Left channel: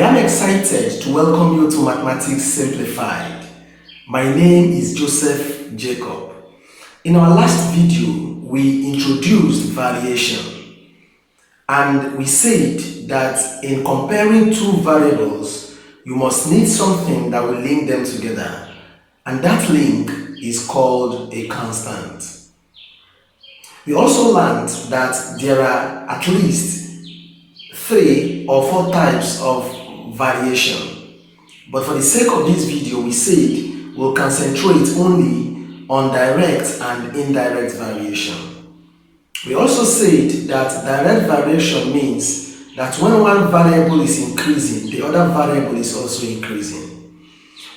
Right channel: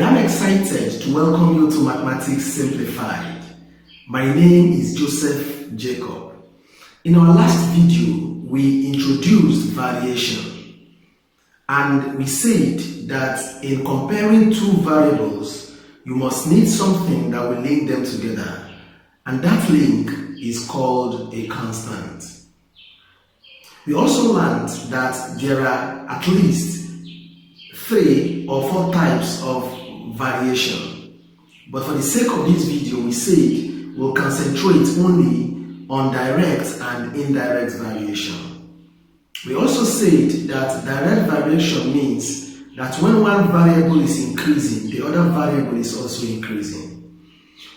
am excited to welcome you to Mathematics Simplified. My name is Joseph Jacob. In our last video, we introduced variation, and we said that in comparing two variables, you must need something that will link them together, and that link is called a constant. We also learned that there are at least 3 or 4 types of variation, but for the sake of this video, we said we'll concentrate only on direct and indirect variation. We also said that direct variation means that when one variable is increasing, the other variable is also increasing,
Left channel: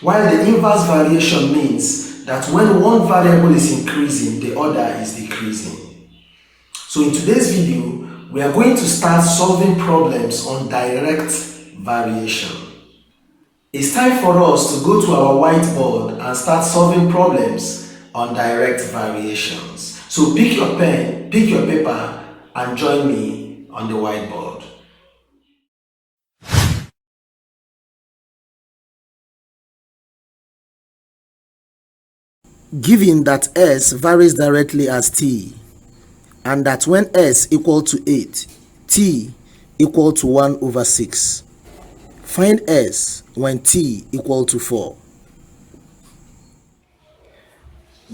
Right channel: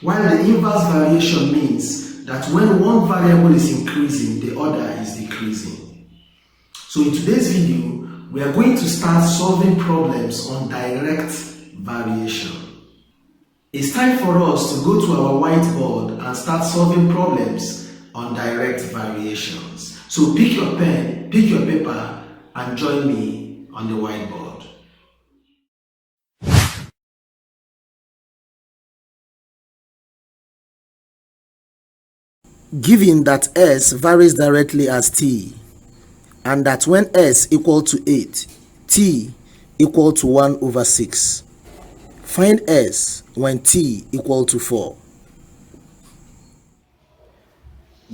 while the inverse variation means that when one variable is increasing, the other is decreasing. So in today's video, we are going to start solving problems on direct variation. It's time for us to go to our whiteboard and start solving problems on direct variations. So pick your pen, pick your paper, and join me on the whiteboard. Given that S varies directly as t, and that when S equal to 8, t equal to 1 over 6. Find S when t equal to 4.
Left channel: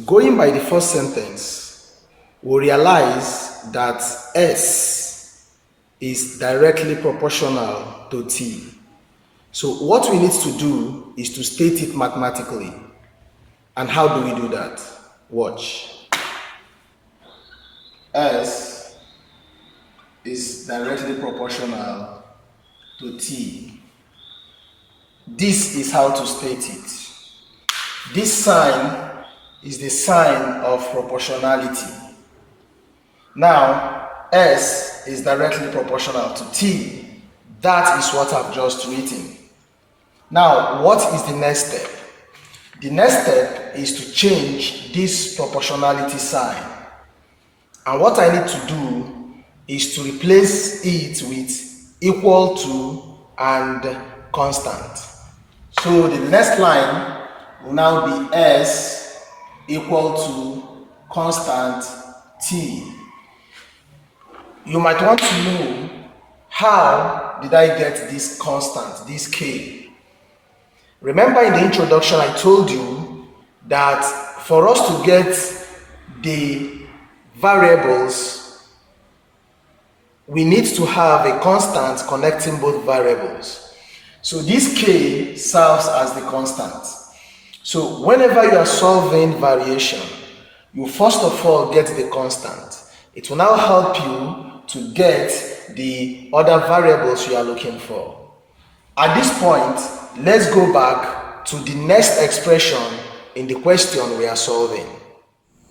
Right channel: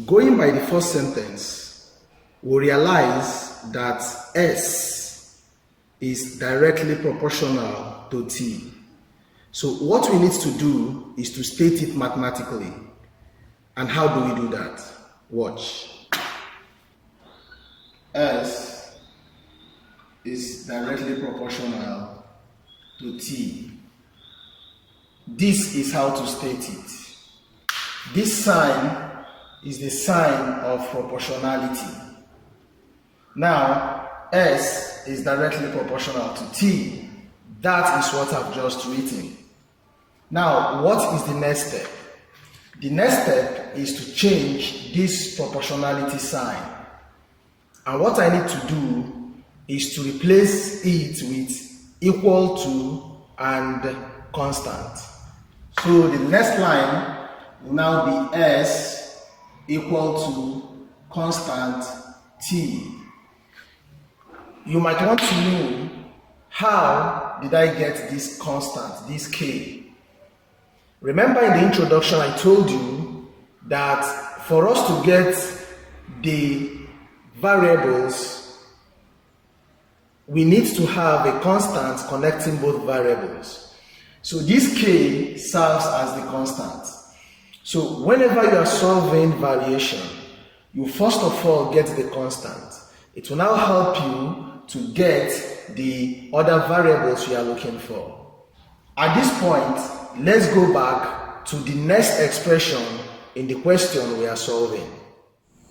Going by the first sentence, we realize that S is directly proportional to t. So what we need to do is to state it mathematically. And how do we do that? Watch. S is directly proportional to t. This is how to state it. This sign is the sign of proportionality. Now, S is directly proportional to t. That is what I've just written. Now, what is the next step? The next step is to change this proportionality sign. And what I need to do is to replace it with equal to and constant. So the next line will now be S equal to constant t. You might want to know, how did I get this constant, this k? Remember in the introduction I told you that for us to get the variables, we need to have a constant connecting both variables. So this k serves as the constant. So whenever you are solving variation, you first of all get the constant. It will now help you to get the other variables you are looking for. At this point, let's go back to the next expression in the question we are solving.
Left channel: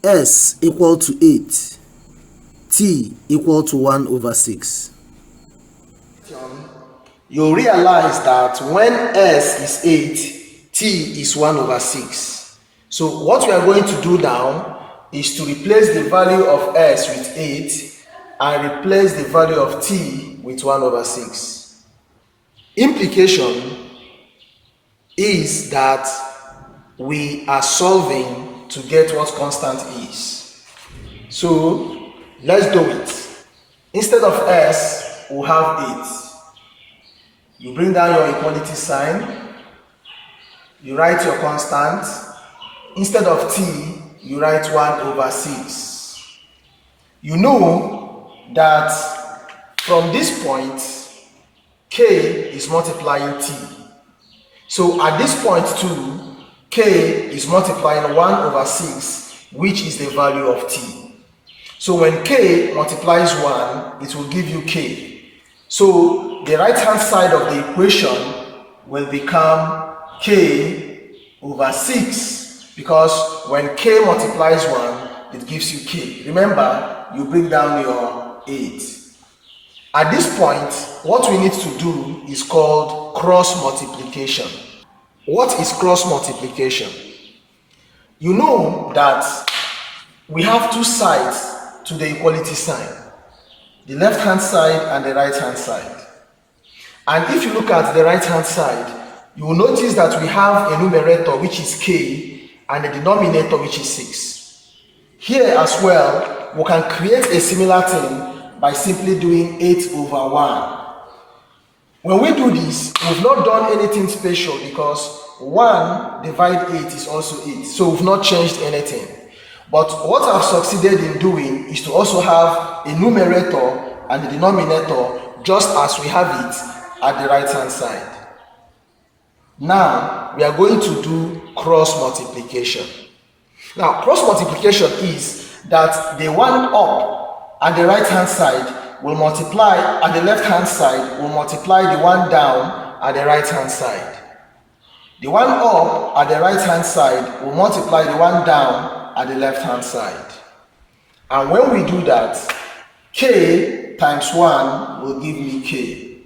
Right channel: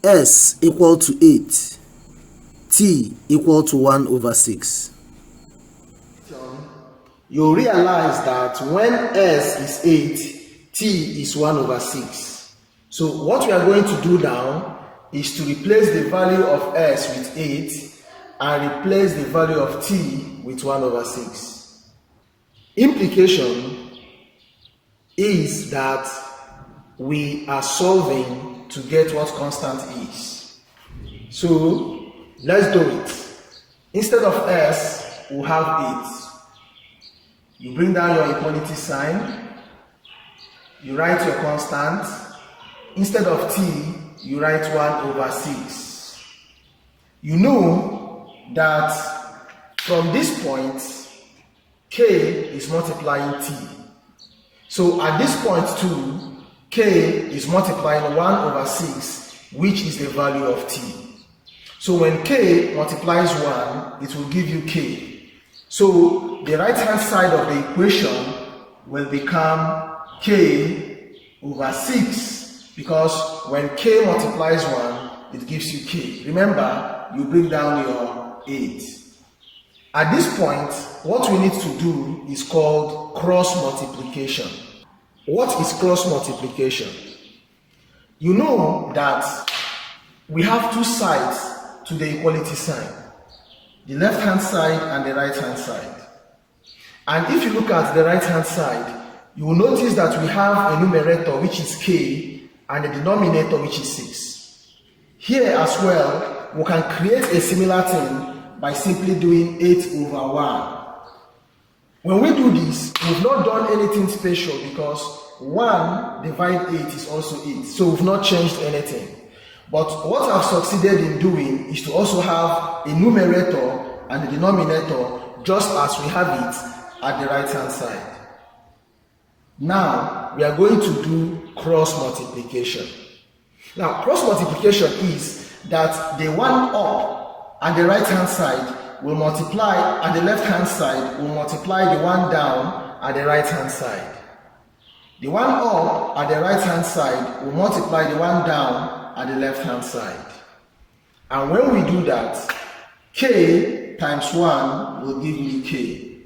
S equal to 8, t equal to 1 over 6. You realize that when S is 8, t is 1 over 6. So what we are going to do now is to replace the value of S with 8 and replace the value of t with 1 over 6. Implication is that we are solving to get what constant is. So let's do it. Instead of S, we'll have 8. You bring down your equality sign. You write your constant. Instead of t, you write 1 over 6. You know that from this point, k is multiplying t. So at this point too, k is multiplying 1 over 6, which is the value of t. So when k multiplies 1, it will give you k. So the right hand side of the equation will become k over 6, because when k multiplies 1, it gives you k. Remember, you bring down your 8. At this point, what we need to do is called cross multiplication. What is cross multiplication? You know that we have 2 sides to the equality sign, the left hand side and the right hand side. And if you look at the right hand side, you will notice that we have a numerator which is k and a denominator which is 6. Here as well, we can create a similar thing by simply doing 8 over 1. When we do this, we've not done anything special because 1 divided 8 is also 8. So we've not changed anything. But what I've succeeded in doing is to also have a numerator and a denominator just as we have it at the right hand side. Now we are going to do cross multiplication. Now cross multiplication is that the one up at the right hand side will multiply at the left hand side will multiply the one down at the right hand side. The one up at the right hand side will multiply the one down at the left hand side. And when we do that, k times 1 will give me k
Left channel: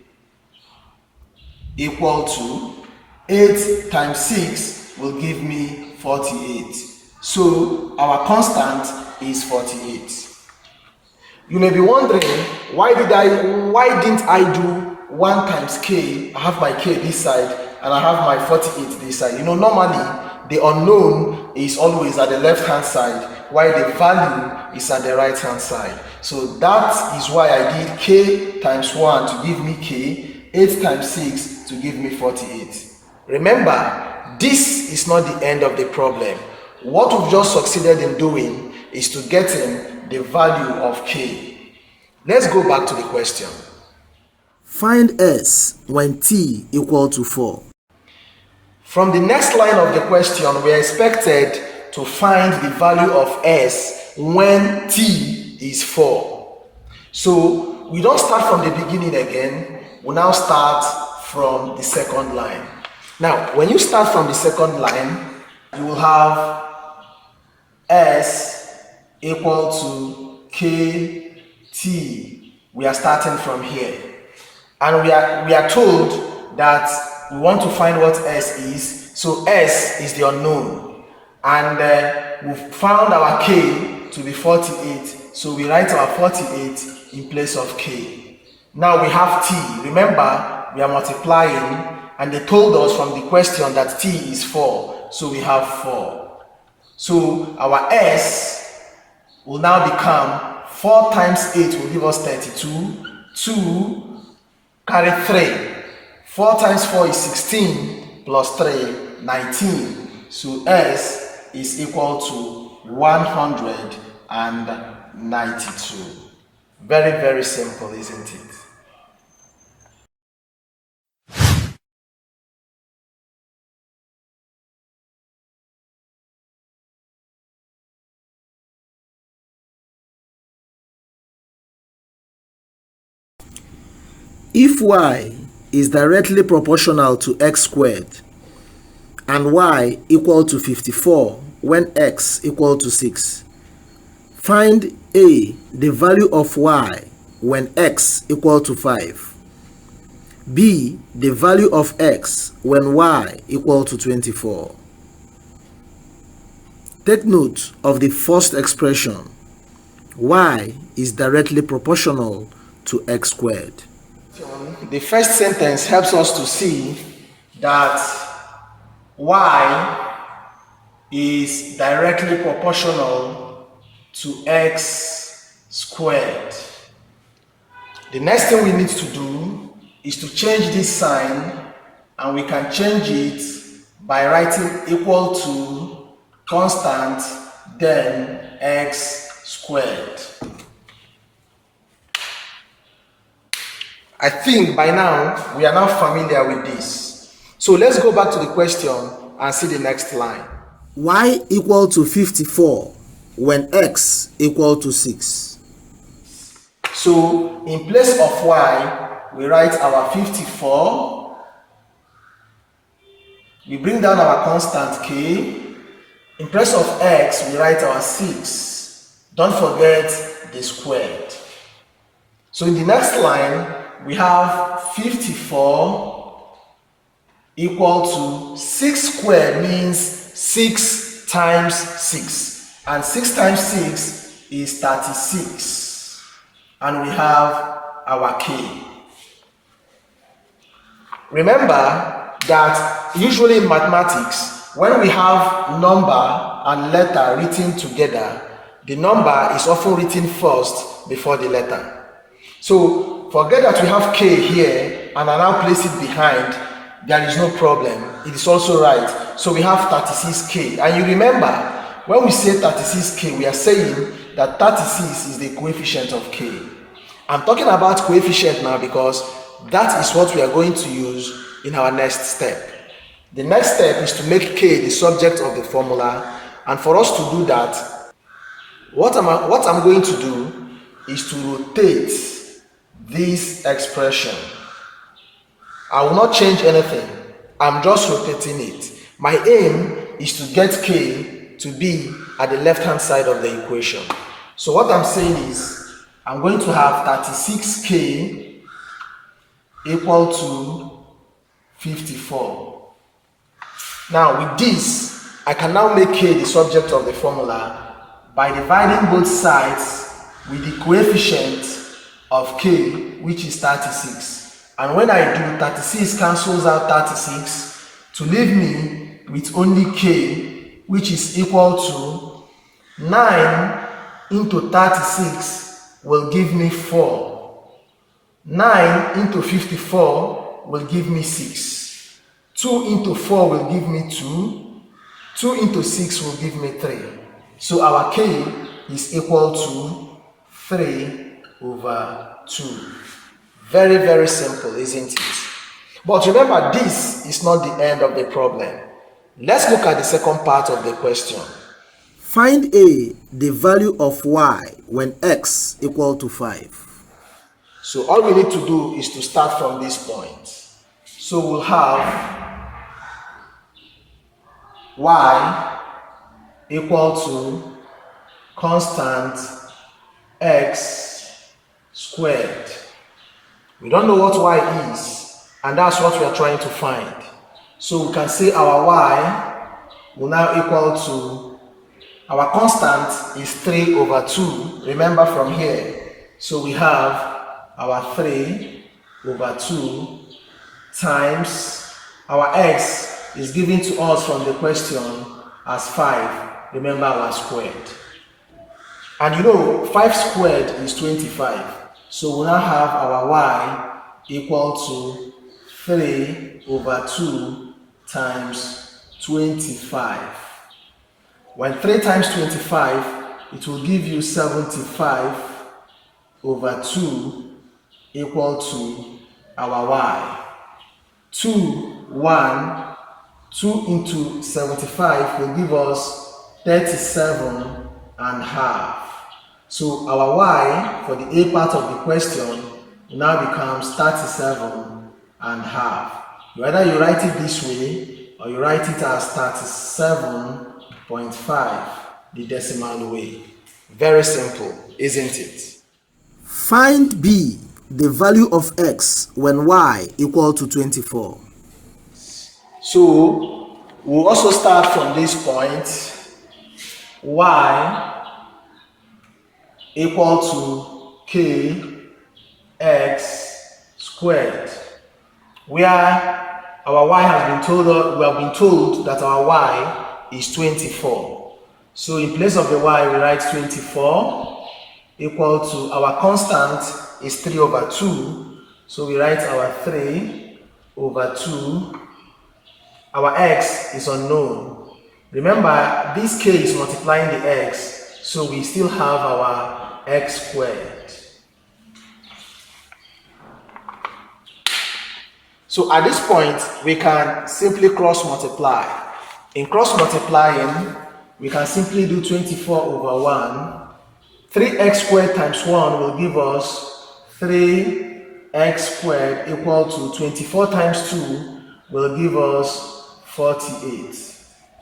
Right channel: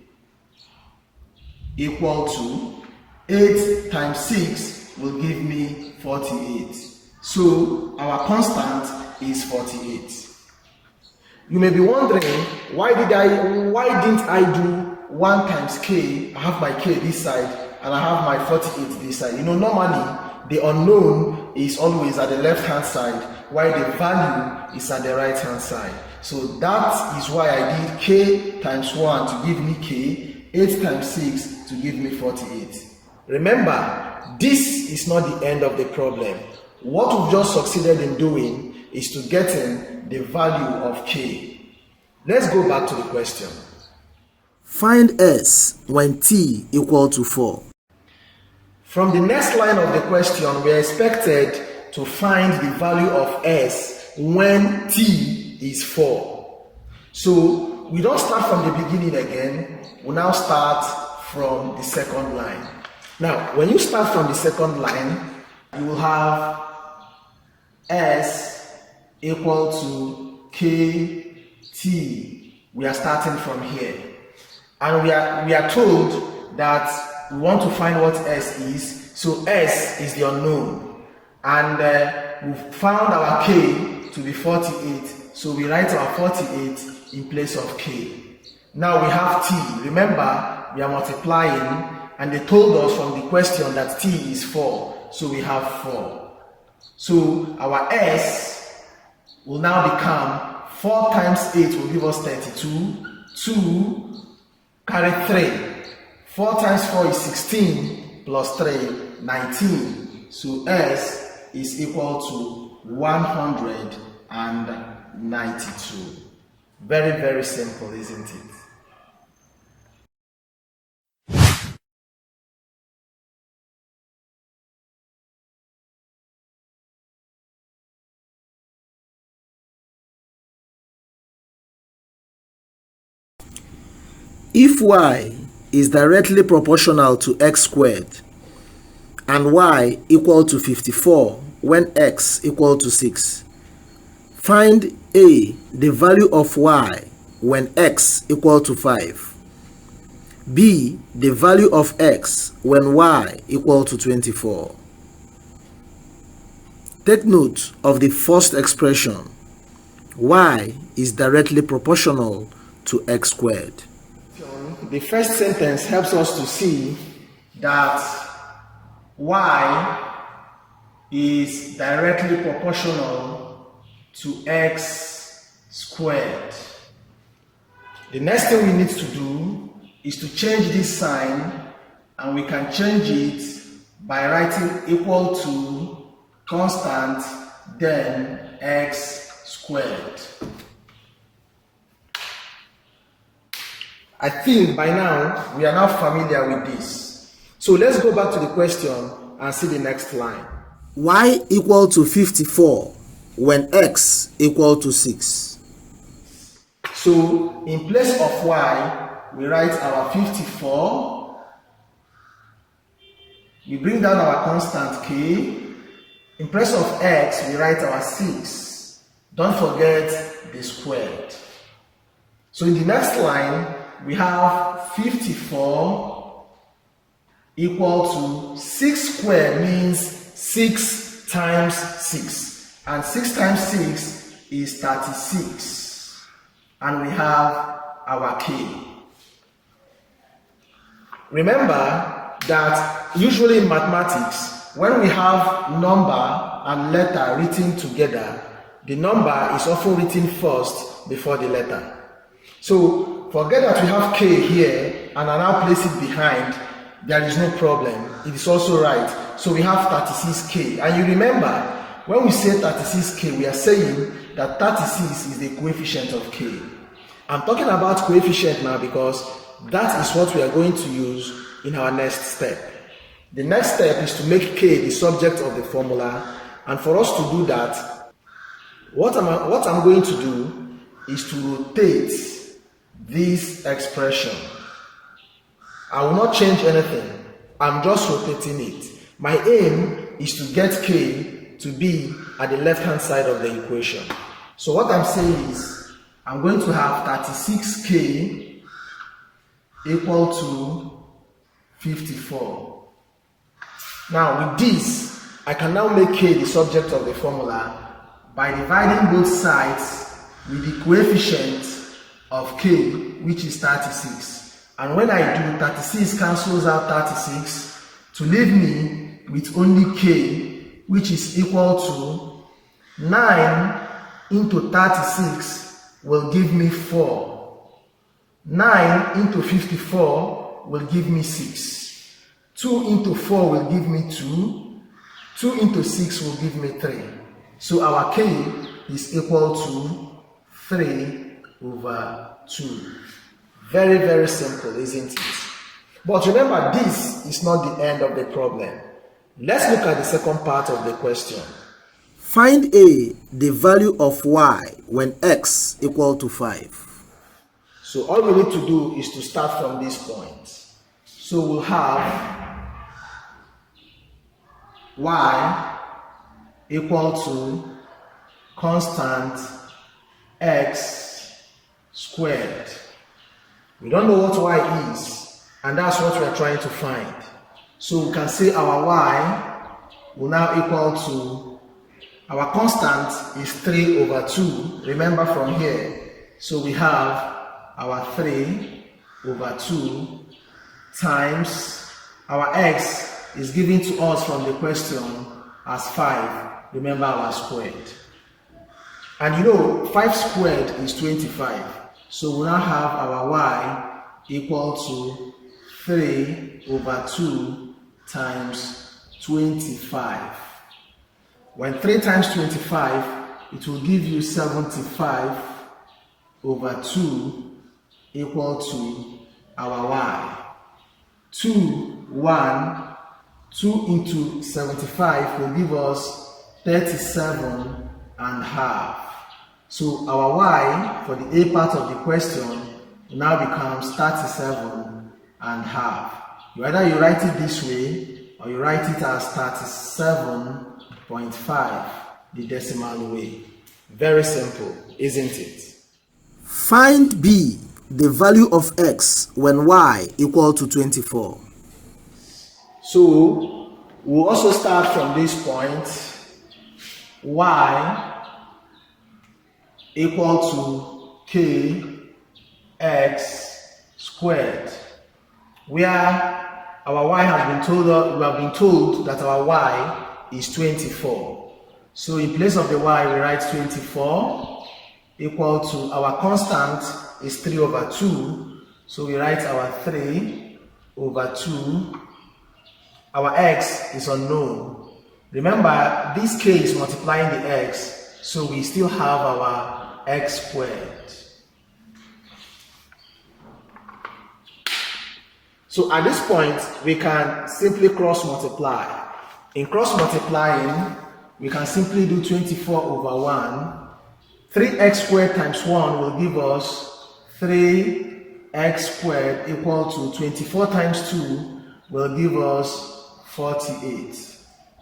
equal to 8 times 6 will give me 48. So our constant is 48. You may be wondering, why didn't I do 1 times k? I have my k this side and I have my 48 this side. Normally the unknown is always at the left hand side while the value is at the right hand side. So that is why I did k times 1 to give me k, 8 times 6 to give me 48. Remember, this is not the end of the problem. What we've just succeeded in doing is to get in the value of k. Let's go back to the question. Find s when t equal to 4. From the next line of the question, we are expected to find the value of s when t is 4. So we don't start from the beginning again, we now start from the second line. Now, when you start from the second line, you will have s equal to kt. We are starting from here. And we are told that we want to find what s is. So s is the unknown. And we've found our k to be 48. So we write our 48 in place of k. Now we have t. Remember, we are multiplying. And they told us from the question that t is 4. So we have 4. So our s will now become 4 times 8 will give us 32. 2 carry 3. 4 times 4 is 16 plus 3, 19. So s is equal to 192. Very, very simple, isn't it? If y is directly proportional to x squared and y equal to 54 when x equal to 6, find a the value of y when x equal to 5, b the value of x when y equal to 24. Take note of the first expression, y is directly proportional to x squared. The first sentence helps us to see that y is directly proportional to x squared. The next thing we need to do is to change this sign, and we can change it by writing equal to constant then x squared. I think by now we are now familiar with this. So let's go back to the question and see the next line. Y equal to 54 when x equal to 6. So in place of y, we write our 54. We bring down our constant k. In place of x, we write our 6. Don't forget the squared. So in the next line, we have 54 equal to 6 squared means 6 times 6. And 6 times 6 is 36. And we have our k. Remember that usually in mathematics, when we have number and letter written together, the number is often written first before the letter. So forget that we have k here and I now place it behind. There is no problem. It is also right. So we have 36k. And you remember, when we say 36k, we are saying that 36 is the coefficient of k. I'm talking about coefficient now because that is what we are going to use in our next step. The next step is to make k the subject of the formula, and for us to do that, what I'm going to do is to rotate this expression. I will not change anything. I'm just rotating it. My aim is to get k to be at the left-hand side of the equation. So what I'm saying is, I'm going to have 36k equal to 54. Now with this, I can now make k the subject of the formula by dividing both sides with the coefficient of k, which is 36. And when I do, 36 cancels out 36 to leave me with only k, which is equal to 9 into 36 will give me 4. 9 into 54 will give me 6. 2 into 4 will give me 2. 2 into 6 will give me 3. So our k is equal to 3/2. Very, very simple, isn't it? But remember, this is not the end of the problem. Let's look at the second part of the question. Find A, the value of y when x equal to 5. So all we need to do is to start from this point. So we'll have y equal to constant x squared. We don't know what y is, and that's what we are trying to find. So we can say our y will now equal to, our constant is 3/2. Remember from here. So we have our 3/2 times our x is given to us from the question as 5. Remember our squared. And you know, 5 squared is 25. So we now have our y equal to 3/2 times 25. When 3 times 25, it will give you 75/2 equal to our y. 2 into 75 will give us 37.5. So our y for the A part of the question now becomes 37.5. Either you write it this way or you write it as 37.5, the decimal way. Very simple, isn't it? Find B, the value of x when y equal to 24. So we'll also start from this point. Y equal to kx squared, where our y has been told, we have been told that our y is 24. So in place of the y, we write 24 equal to, our constant is 3/2. So we write our 3/2. Our x is unknown. Remember, this k is multiplying the x, so we still have our x squared. So at this point, we can simply cross multiply. In cross multiplying, we can simply do 24/1. 3x squared times 1 will give us 3x squared equal to 24 times 2 will give us 48.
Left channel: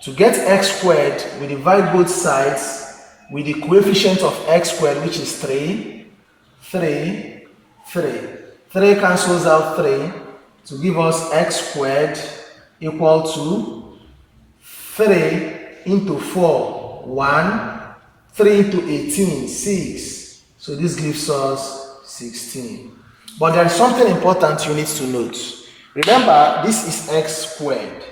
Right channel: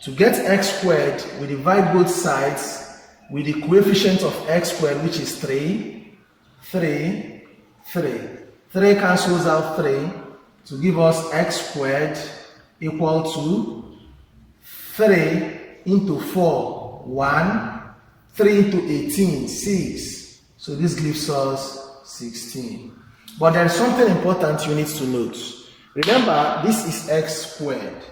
To get x squared, we divide both sides with the coefficient of x squared, which is 3. 3 cancels out 3 to give us x squared equal to 3 into 4, 1. 3 into 18, 6. So this gives us 16. But there is something important you need to note. Remember, this is x squared.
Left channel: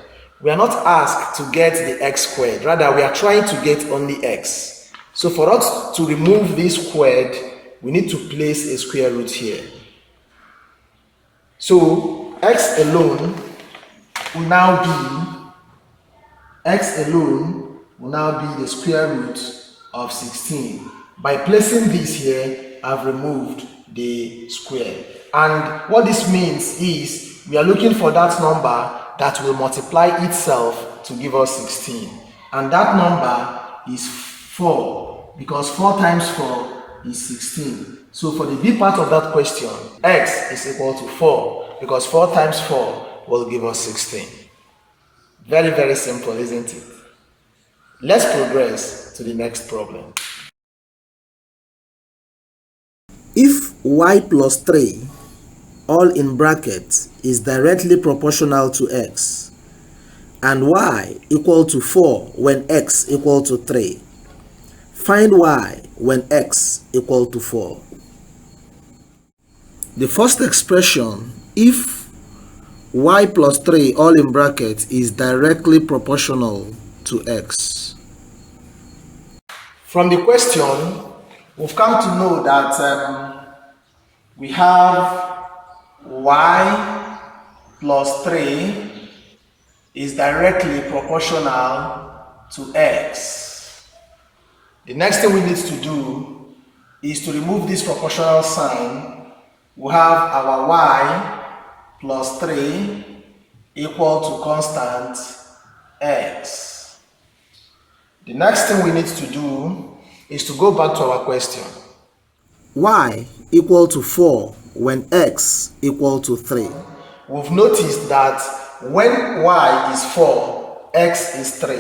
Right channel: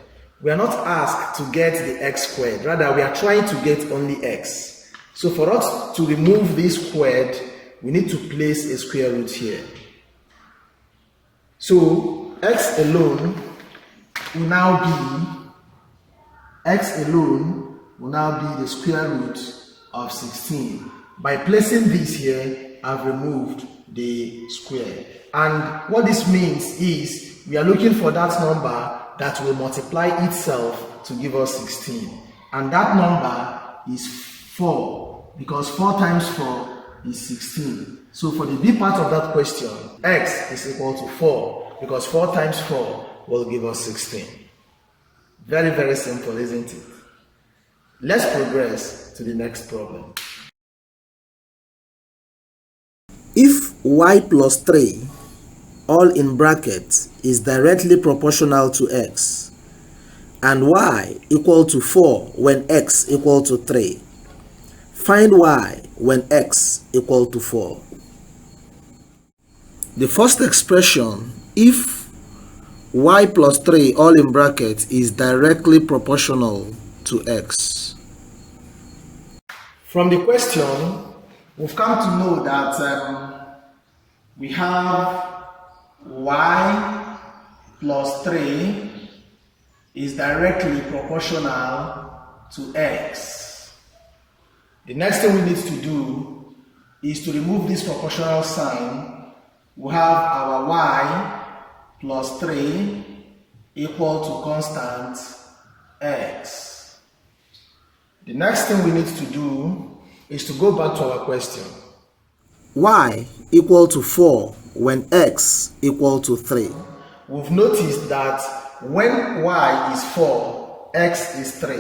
We are not asked to get the x squared. Rather, we are trying to get only x. So for us to remove this squared, we need to place a square root here. So x alone will now be the square root of 16. By placing this here, I've removed the square. And what this means is we are looking for that number that will multiply itself to give us 16. And that number is 4, because 4 times 4 is 16. So for the B part of that question, x is equal to 4, because 4 times 4 will give us 16. Very, very simple, isn't it? Let's progress to the next problem. If y plus 3, all in brackets, is directly proportional to x, and y equal to 4 when x equal to 3, find y when x equal to 4. The first expression, if y plus 3 all in brackets is directly proportional to x. From the question, we've come to know that we have y plus 3 is directly proportional to x. The next thing we need to do is to remove this proportional sign. We have our y plus 3 equal to constant x. The next thing we need to do is to go back to our question. Y equal to 4 when x equal to 3. We've noticed that when y is 4, x is 3.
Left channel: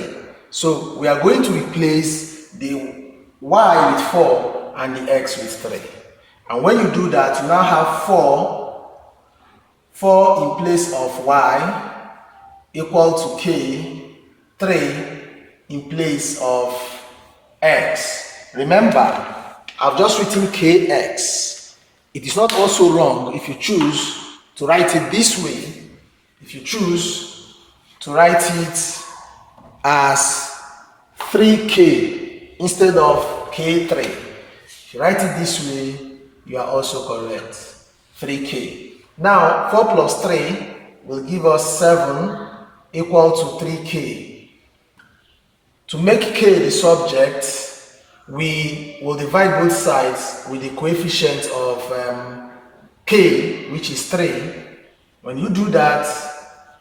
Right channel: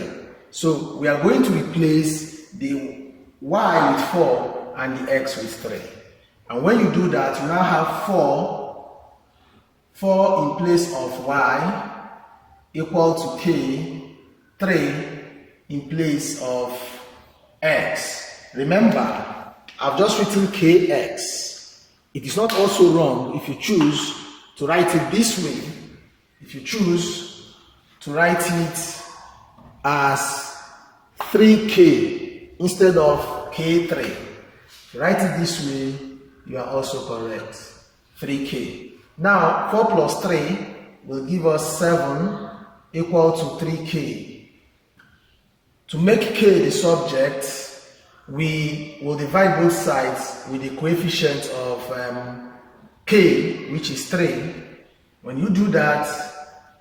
So we are going to replace the y with 4 and the x with 3. And when you do that, you now have 4 in place of y equal to k, 3 in place of x. Remember, I've just written kx. It is not also wrong if you choose to write it this way. If you choose to write it as 3k instead of k3. If you write it this way, you are also correct. 3k. Now, 4 plus 3 will give us 7 equal to 3k. To make k the subject, we will divide both sides with the coefficient of k, which is 3. When you do that,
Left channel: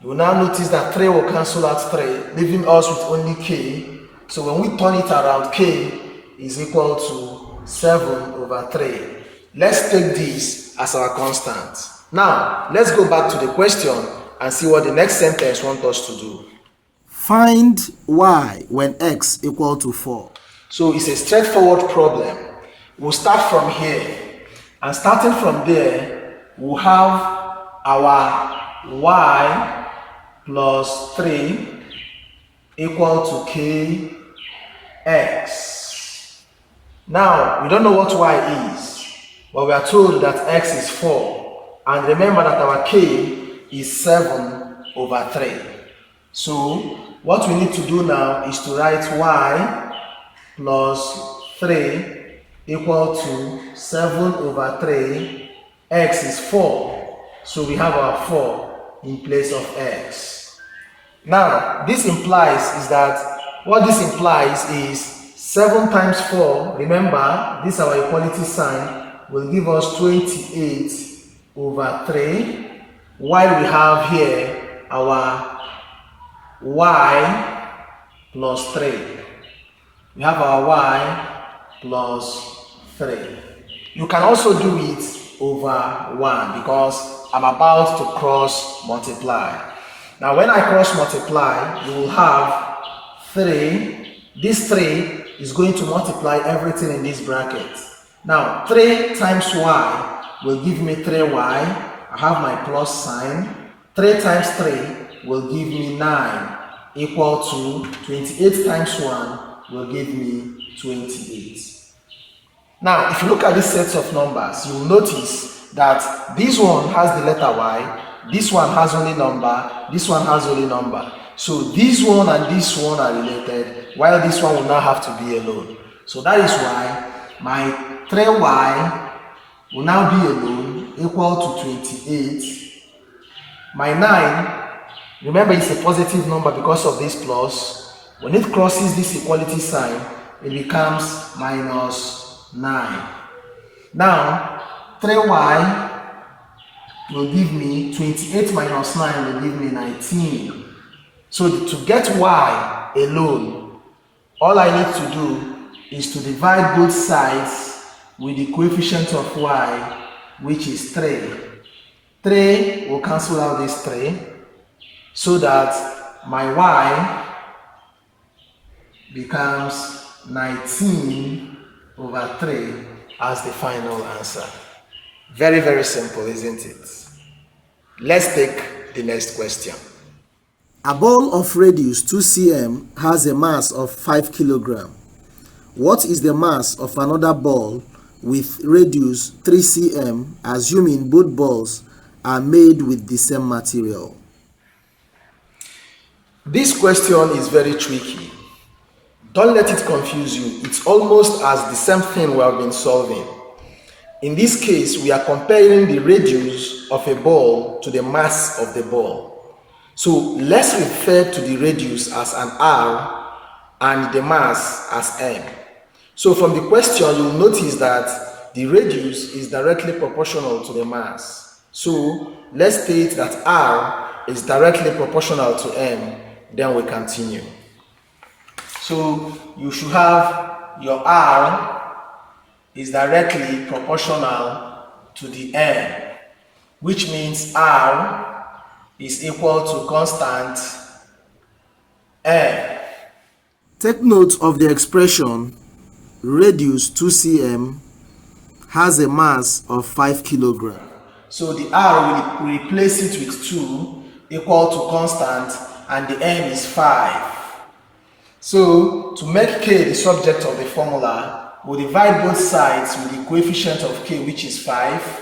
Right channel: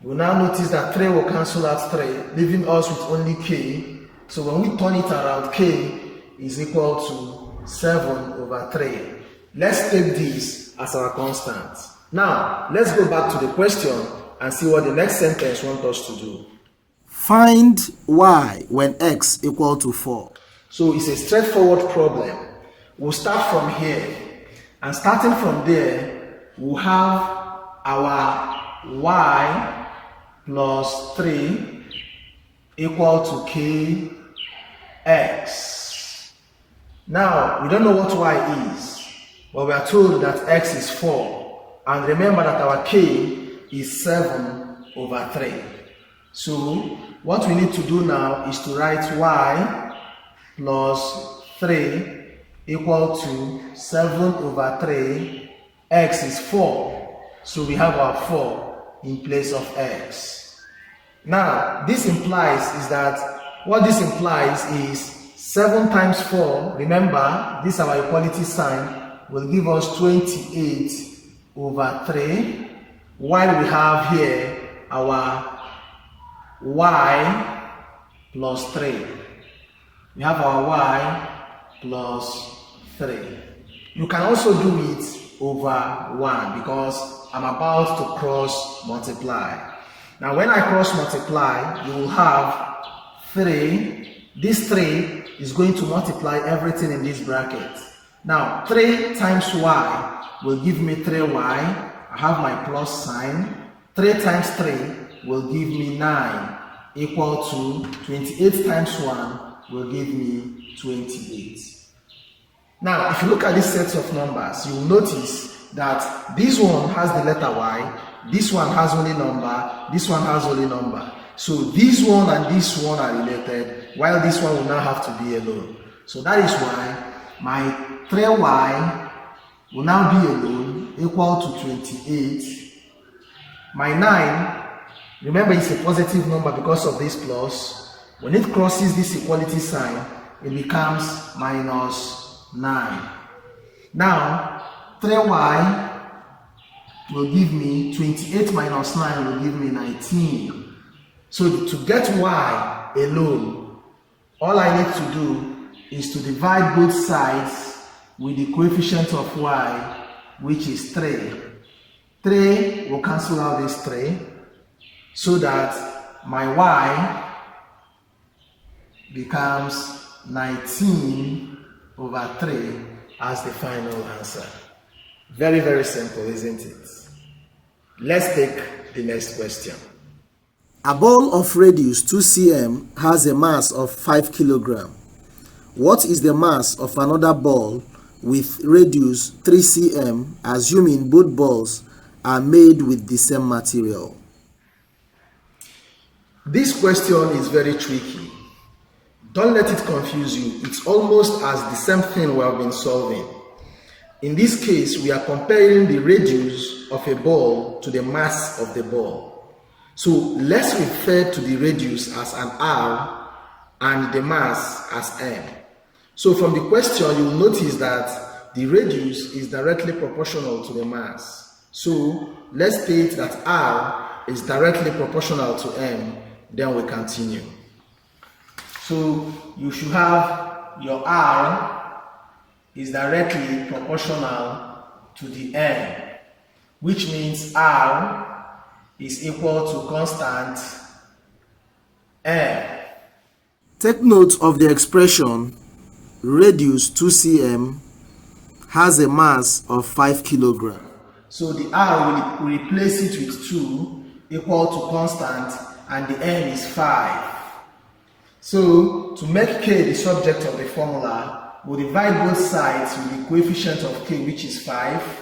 you will now notice that 3 will cancel out 3, leaving us with only k. So when we turn it around, k is equal to 7 over 3. Let's take this as our constant. Now, let's go back to the question and see what the next sentence wants us to do. Find y when x equal to 4. So it's a straightforward problem. We'll start from here. And starting from there, we'll have our y plus 3 equal to kx. Now, we don't know what y is, but we are told that x is 4. And remember that our k is 7 over 3. So, what we need to do now is to write y plus 3 equal to 7 over 3. X is 4. So we have our 4 in place of x. Now, this implies is 7 times 4, remember, this is our equality sign, will give us 28 over 3, while we have here our y plus 3. We have our y plus 3. You can also do it over 1 because I'm about to cross multiply. Now when I cross multiply, you will have 3. This 3 is going to multiply everything in this bracket. Now 3 times y will give me 3y. I have my plus sign. 3 times 3 will give me 9 equal to 28 times 1 will give me 28. Now, if you look at these sets of numbers, you will notice that this one has the letter Y, this one has only number, this one has only number. So this one and this one are related, while this one will now have to be alone. So that is why my 3Y will now be alone, equal to 28. My 9, remember it's a positive number because of this plus. When it crosses this equality sign, it becomes minus 9. Now, 3Y will give me 28 minus 9 will give me 19. So to get Y alone, all I need to do is to divide both sides with the coefficient of Y, which is 3. 3 will cancel out this 3, so that my Y becomes 19 over 3 as the final answer. Very, very simple, isn't it? Let's take the next question. A ball of radius 2 cm has a mass of 5 kg. What is the mass of another ball with radius 3 cm, assuming both balls are made with the same material? This question is very tricky. Don't let it confuse you. It's almost as the same thing we have been solving. In this case, we are comparing the radius of a ball to the mass of the ball. So let's refer to the radius as an R and the mass as M. So from the question, you'll notice that the radius is directly proportional to the mass. So let's state that R is directly proportional to M, then we continue. So you should have your R is directly proportional to the M, which means R is equal to constant M. Take note of the expression radius 2 cm has a mass of 5 kg. So the R will replace it with 2 equal to constant, and the M is 5. So to make K the subject of the formula, we'll divide both sides with the coefficient of K, which is 5,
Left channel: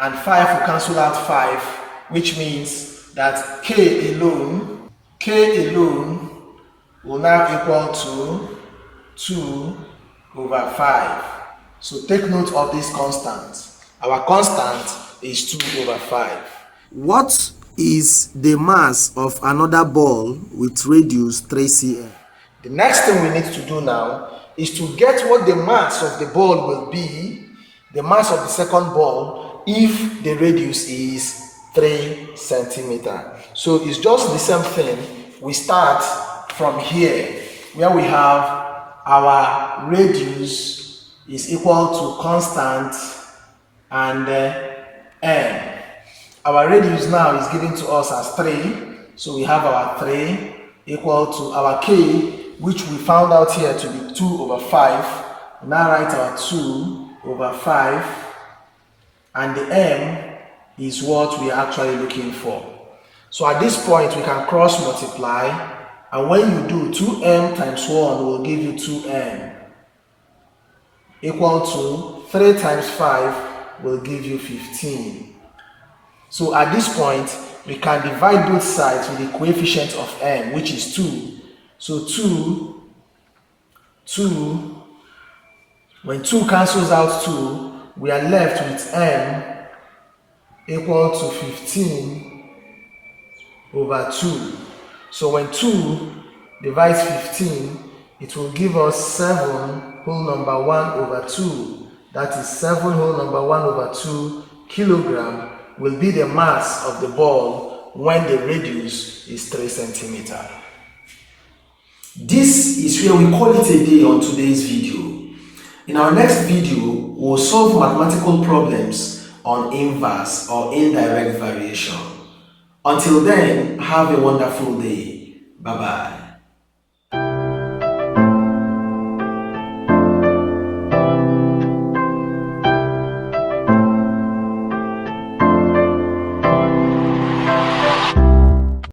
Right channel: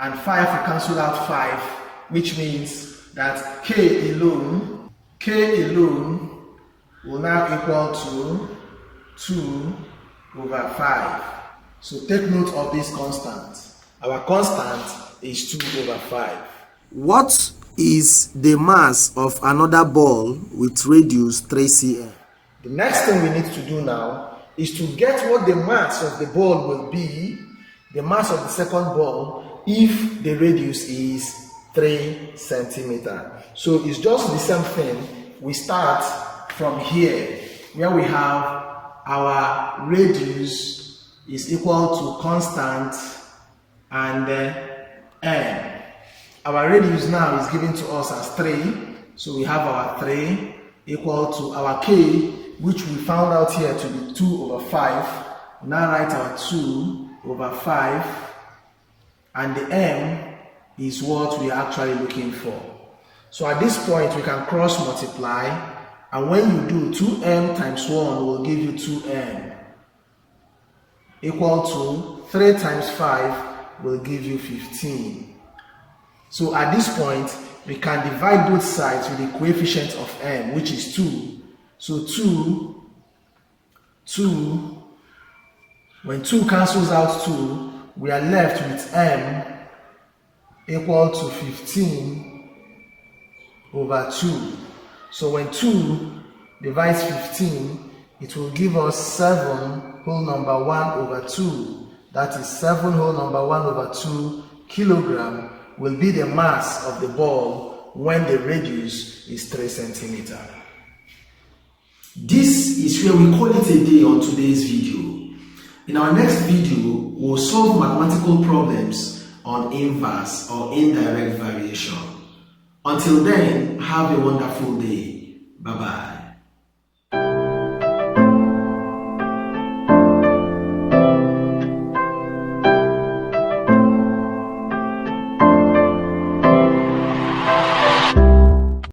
and 5 will cancel out 5, which means that K alone will now equal to 2 over 5. So take note of this constant. Our constant is 2 over 5. What is the mass of another ball with radius 3 cm? The next thing we need to do now is to get what the mass of the ball will be, the mass of the second ball, if the radius is 3 centimeter. So it's just the same thing. We start from here, where we have our radius is equal to constant and M. Our radius now is given to us as 3, so we have our 3 equal to our K, which we found out here to be 2 over 5. We now write our 2 over 5, and the M is what we are actually looking for. So at this point, we can cross multiply, and when you do, 2M times 1 will give you 2M, equal to 3 times 5 will give you 15. So at this point, we can divide both sides with the coefficient of M, which is 2. So 2, when 2 cancels out 2, we are left with M equal to 15 over 2. So when 2 divides 15, it will give us 7 whole number 1 over 2. That is 7 whole number 1 over 2 kilogram will be the mass of the ball when the radius is 3 centimeter. This is where we call it a day on today's video. In our next video, we'll solve mathematical problems on inverse or indirect variation. Until then, have a wonderful day. Bye-bye.